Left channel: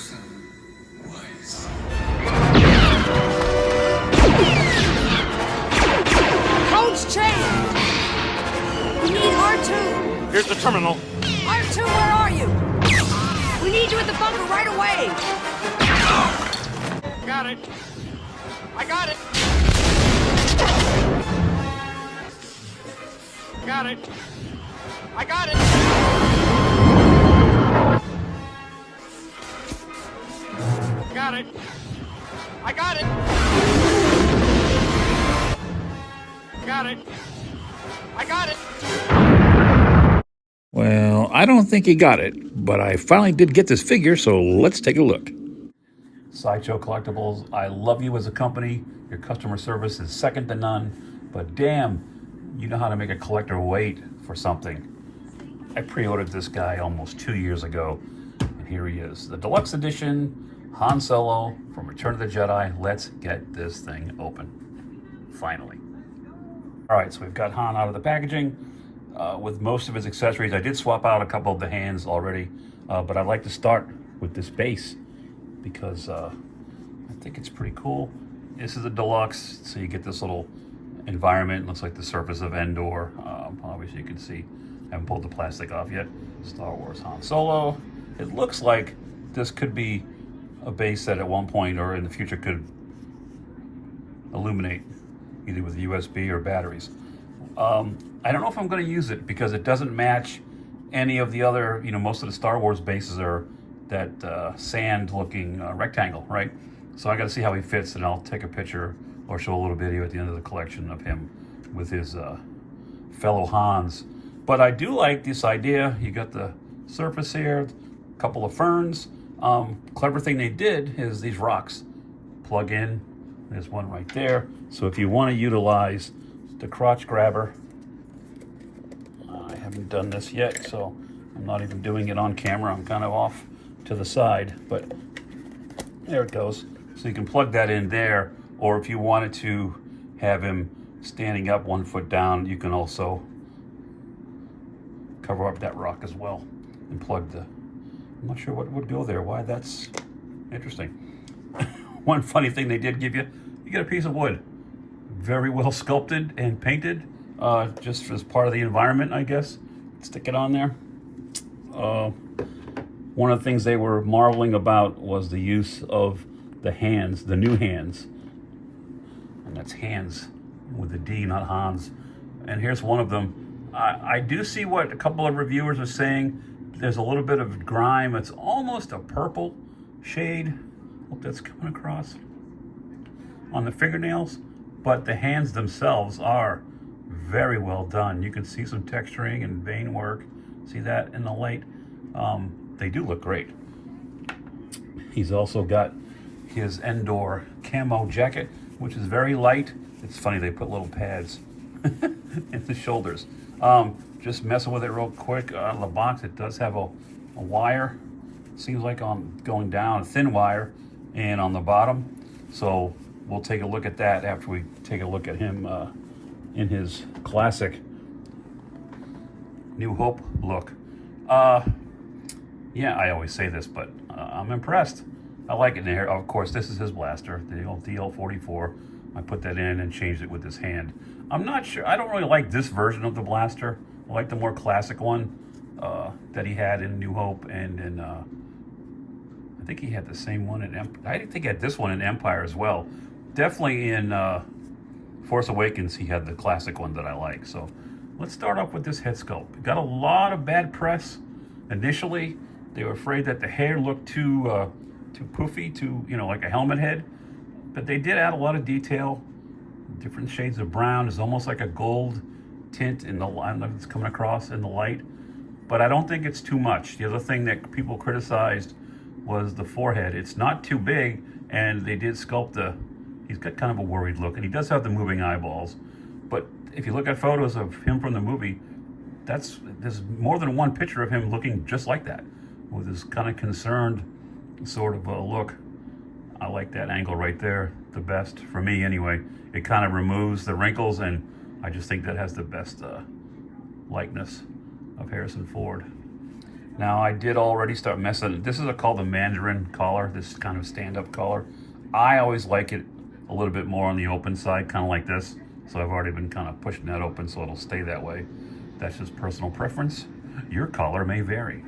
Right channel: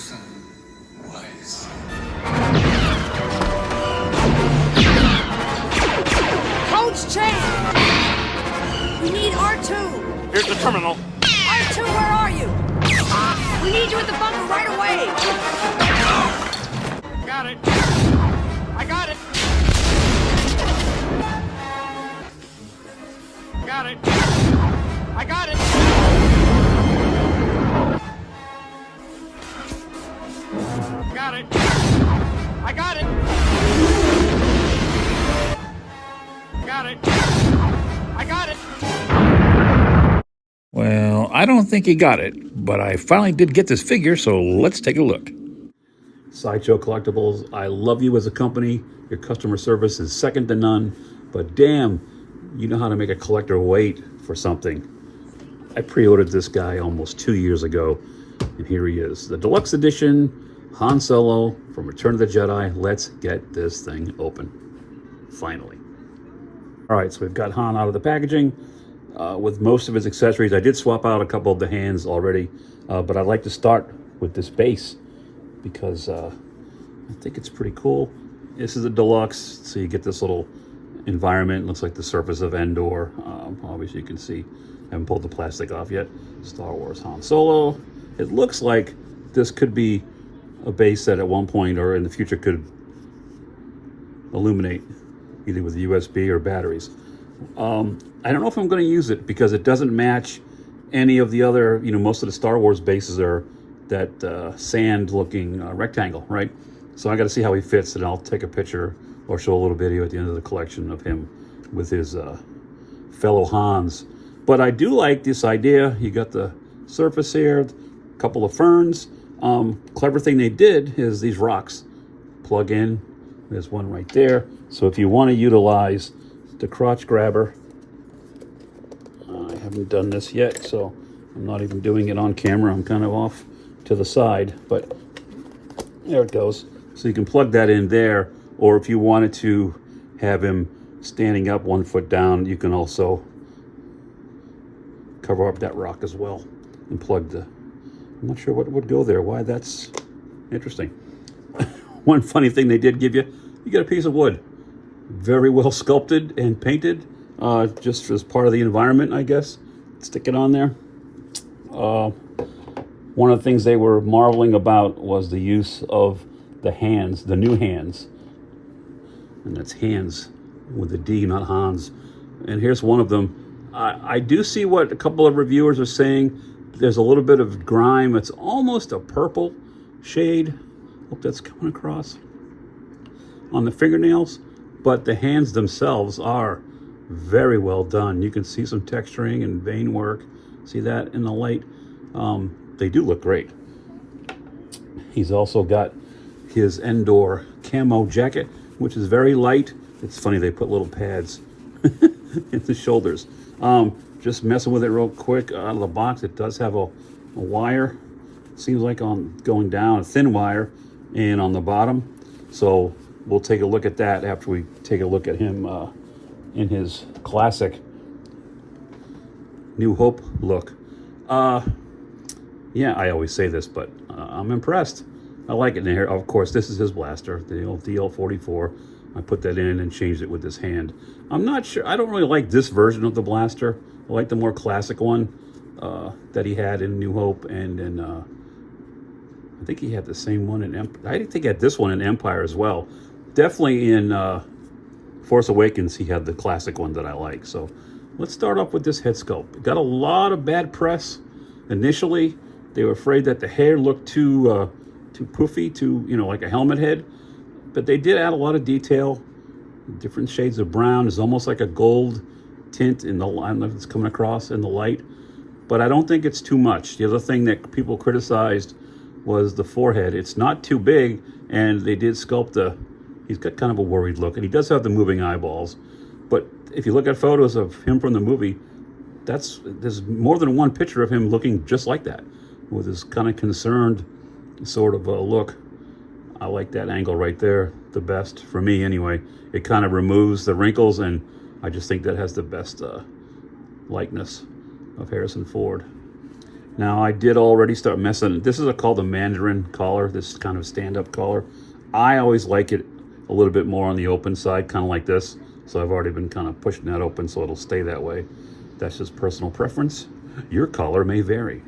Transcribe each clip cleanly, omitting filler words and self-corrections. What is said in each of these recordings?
person wise. Coach Chan! We need R2! Here's the terminal. R2, where are you? We need you at the bunker right away! Got it. I got it. Got it. I got it. Got it. I got it. Got it. I got it. Well, I don't think he got it, but I finally did get this figure, so let's take a look. Sideshow Collectibles, I love you as a company. Your customer service is second to none, but damn, you know how to make a collector wait for something. I pre-ordered this guy almost 2 years ago, and here he is. The deluxe edition, Han Solo from Return of the Jedi. Let's get this thing open, finally. All right, so we've got Han out of the packaging with most of his accessories. I did swap out a couple of the hands already, but I'd like to start with this base because I think it's pretty cool. This is a deluxe, so you get this little environment. It looks like the surface of Endor. Obviously, you can see I haven't pulled the plastic off yet. Star Wars Han Solo. It looks like this could be a base that at one point or in the future could illuminate either with USB or batteries. I don't know if I'm going to use it because it doesn't match any of the other, most of the Star Wars bases are that sand-looking rectangle, right? So I got to see how he fits, and I'll take a picture or show a little video at the end of the collection of him with his fellow Hans. But I do like this idea. You got the surface here, a couple of ferns. Clever thing they did is these rocks plug in. There's one right there. So if you want to utilize the crotch grabber, I haven't done this yet, so I'm not even doing it on camera. I'm kind of off to the side, but there it goes. So you can plug that in there, or if you wanted to have him standing up 1 foot down, you can also cover up that rock as well and plug the, I'm not sure what would go there, why that's interesting. One funny thing they did give you, you get a piece of wood. Very well sculpted and painted, just as part of the environment, I guess. Stick it on there. One of the things they were marveling about was the use of the hands, the new hands. And that's hands with a D, not Hans. And here's one of them. I do see what a couple of reviewers are saying. There's a little bit of grime. It's almost a purple shade. Hope that's coming across on the fingernails. But the hands themselves are very well done. You can see some texturing and vein work. See that in the light? They do look great. He's also got his Endor camo jacket, which is very light. It's funny they put little pads in the shoulders. Just messing with it real quick. Out of the box, it does have a wire. Seems like on going down, a thin wire, and on the bottom. So we'll take a look at that after we take a look at him in his classic New Hope look. Yeah, I always say this, but I'm impressed. I like it in here. Of course, this is his blaster, the old DL-44. I put that in and changed it with his hand. I'm not sure. I don't really like this version of the blaster. I like the more classic one that he had in New Hope, and in I think he had the same one in Empire. I think he had this one in Empire as well. Definitely in Force Awakens, he had the classic one that I like. So let's start off with this head sculpt. It got a lot of bad press initially. They were afraid that the hair looked too poofy, too like a helmet head. But they did add a lot of detail, different shades of brown. It's almost like a gold tint in the, I don't know if it's coming across in the light, but I don't think it's too much. The other thing that people criticized was the forehead. It's not too big, and they did sculpt he's got kind of a worried look, and he does have the moving eyeballs. But if you look at photos of him from the movie, there's more than one picture of him looking just like that, with his kind of concerned sort of look. I like that angle right there the best, for me anyway. It kind of removes the wrinkles, and I just think that has the best likeness of Harrison Ford. Now, I did already start messing. This is called the Mandarin collar, this kind of stand-up collar. I always like it a little bit more on the open side, kind of like this. So I've already been kind of pushing that open so it'll stay that way. That's just personal preference. Your collar may vary.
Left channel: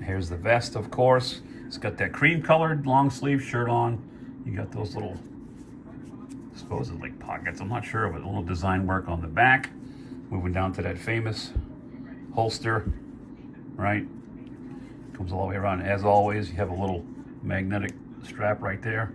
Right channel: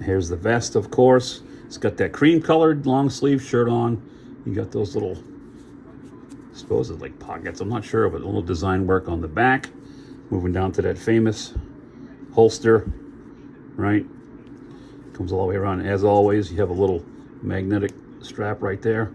Here's the vest, of course. It's got that cream-colored long sleeve shirt on. You got those little, I suppose it's like pockets, I'm not sure, but a little design work on the back. Moving down to that famous holster, right? Comes all the way around. As always, you have a little magnetic strap right there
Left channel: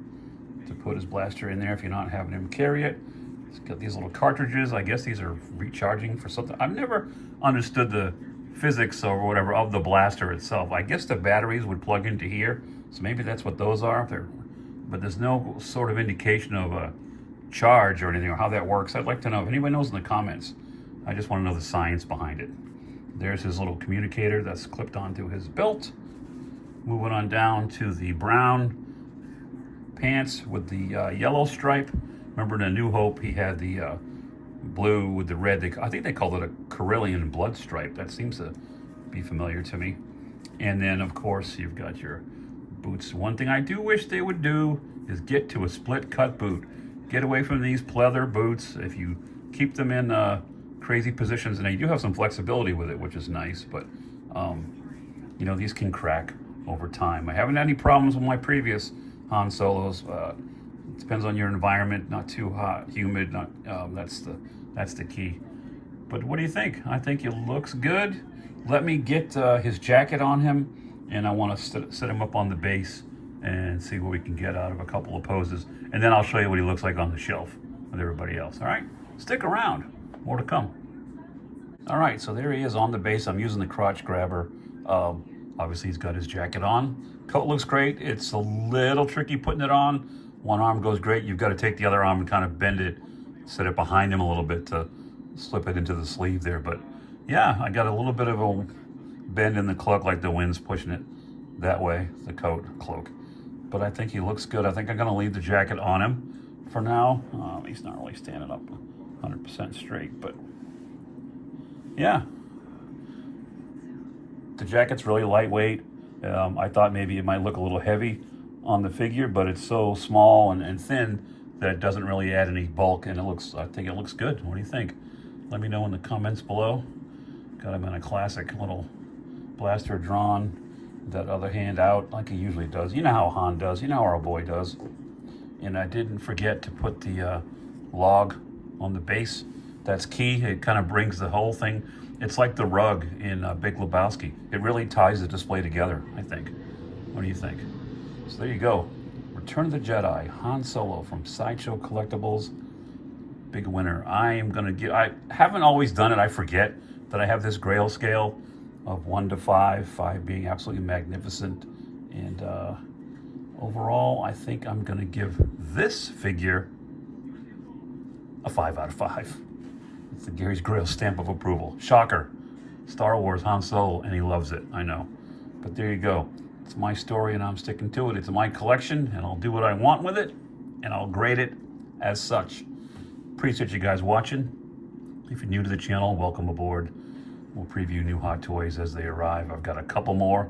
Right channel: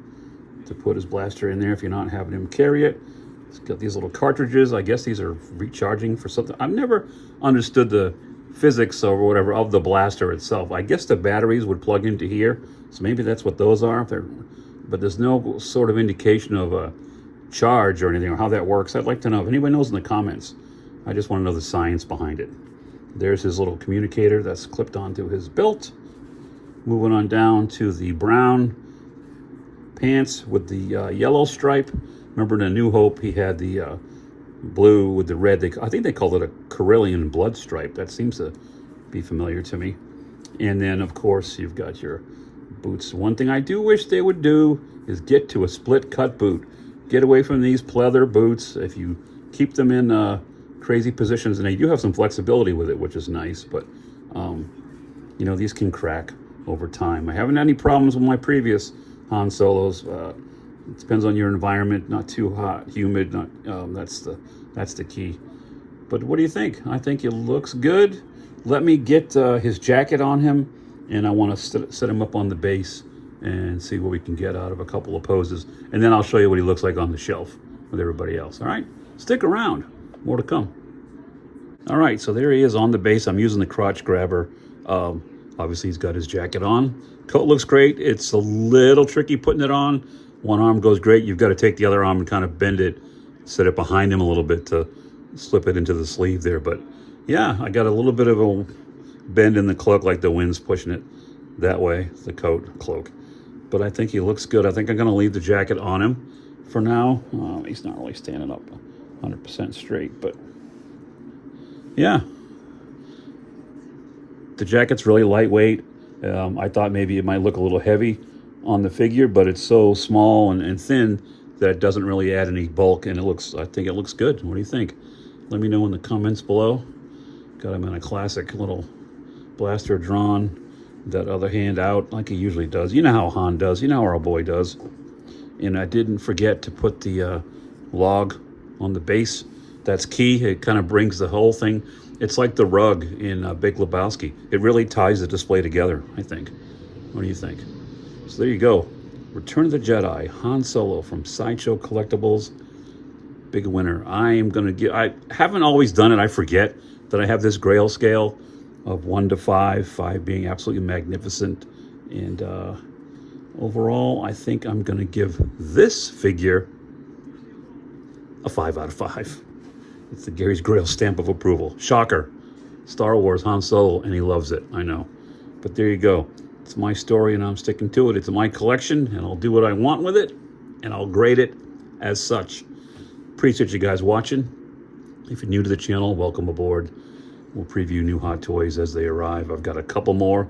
to put his blaster in there if you're not having him carry it. It's got these little cartridges. I guess these are recharging for something. I've never understood the physics or whatever of the blaster itself. I guess the batteries would plug into here, so maybe that's what those are. But there's no sort of indication of a charge or anything or how that works. I'd like to know if anybody knows in the comments. I just want to know the science behind it. There's his little communicator that's clipped onto his belt. Moving on down to the brown pants with the yellow stripe. Remember in A New Hope, he had the blue with the red. I think they called it a Carillion blood stripe. That seems to be familiar to me. And then, of course, you've got your boots. One thing I do wish they would do is get to a split cut boot. Get away from these pleather boots. If you keep them in crazy positions, and they do have some flexibility with it, which is nice, but you know, these can crack over time. I haven't had any problems with my previous Han Solos. It depends on your environment, not too hot, humid, that's the key. But what do you think? I think it looks good. Let me get his jacket on him, and I want to set him up on the base and see what we can get out of a couple of poses. And then I'll show you what he looks like on the shelf with everybody else, all right? Stick around, more to come. All right, so there he is on the base. I'm using the crotch grabber. Obviously, he's got his jacket on. Coat looks great. It's a little tricky putting it on. One arm goes great. You've got to take the other arm and kind of bend it, set it behind him a little bit to slip it into the sleeve there. But yeah, I got a little bit of a bend in the cloak, like the wind's pushing it that way, the cloak. But I think he looks good. I think I'm going to leave the jacket on him for now. He's not really standing up 100% straight, but yeah. The jacket's really lightweight. I thought maybe it might look a little heavy on the figure, but it's so small and thin that it doesn't really add any bulk, and I think it looks good. What do you think? Let me know in the comments below. Got him in a classic little blaster drawn, that other hand out like he usually does. You know how Han does, you know how our boy does. And I didn't forget to put the log on the base. That's key. It kind of brings the whole thing. It's like the rug in Big Lebowski. It really ties the display together, I think. What do you think? So there you go. Return of the Jedi, Han Solo from Sideshow Collectibles. Big winner. I haven't always done it. I forget that I have this Grail scale of 1 to 5, 5 being absolutely magnificent. And overall, I think I'm going to give this figure a 5 out of 5. It's the Gary's Grail stamp of approval. Shocker. Star Wars Han Solo, and he loves it, I know. But there you go. It's my story, and I'm sticking to it. It's my collection, and I'll do what I want with it, and I'll grade it as such. Appreciate you guys watching. If you're new to the channel, welcome aboard. We'll preview new hot toys as they arrive. I've got a couple more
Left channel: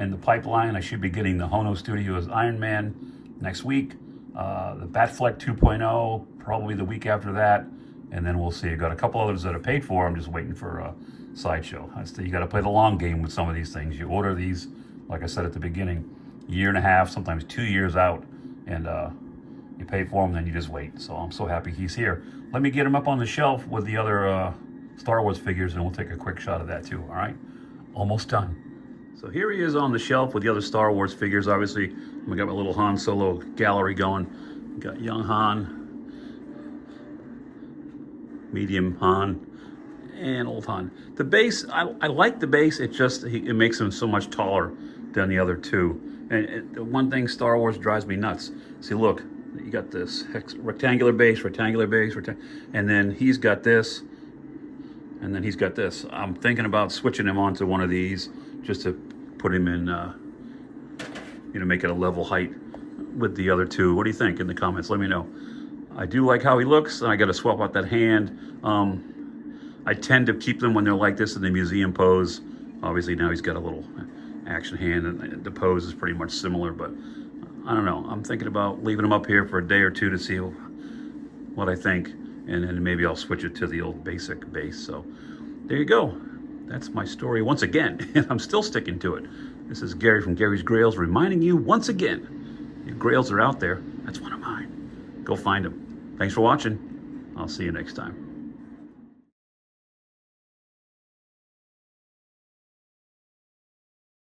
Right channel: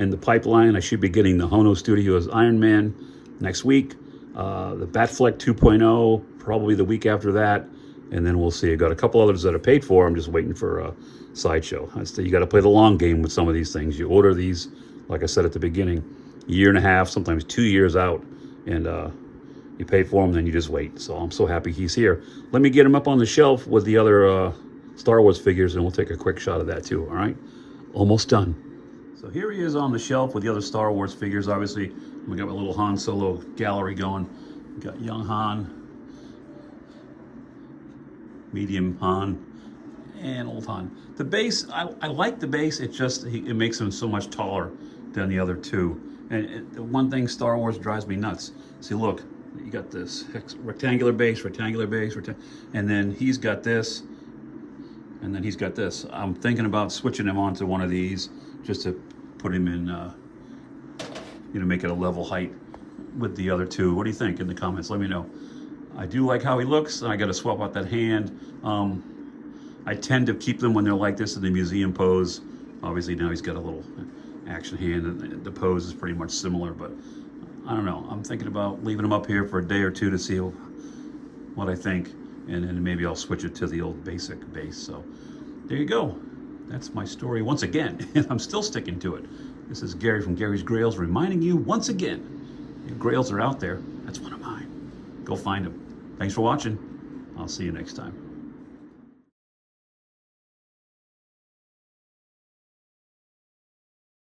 in the pipeline. I should be getting the Hono Studios Iron Man next week. The Batfleck 2.0, probably the week after that. And then we'll see. I got a couple others that are paid for. I'm just waiting for Sideshow. You got to play the long game with some of these things. You order these, like I said at the beginning, 1.5 years, sometimes 2 years out, and you pay for them, and then you just wait. So I'm so happy he's here. Let me get him up on the shelf with the other Star Wars figures, and we'll take a quick shot of that too, all right? Almost done. So here he is on the shelf with the other Star Wars figures. Obviously, we got my little Han Solo gallery going. We got young Han, medium Han, and old Han. The base, I like the base. It just, it makes him so much taller than the other two. And the one thing Star Wars drives me nuts. See, look, you got this rectangular base, and then he's got this, and then he's got this. I'm thinking about switching him onto one of these just to put him in, make it a level height with the other two. What do you think in the comments? Let me know. I do like how he looks. I got to swap out that hand. I tend to keep them when they're like this in the museum pose. Obviously now he's got a little action hand, and the pose is pretty much similar, but I don't know. I'm thinking about leaving him up here for a day or two to see what I think, and then maybe I'll switch it to the old basic base. So there you go. That's my story once again, and I'm still sticking to it. This is Gary from Gary's Grails reminding you once again, if Grails are out there, that's one of mine. Go find them. Thanks for watching. I'll see you next time.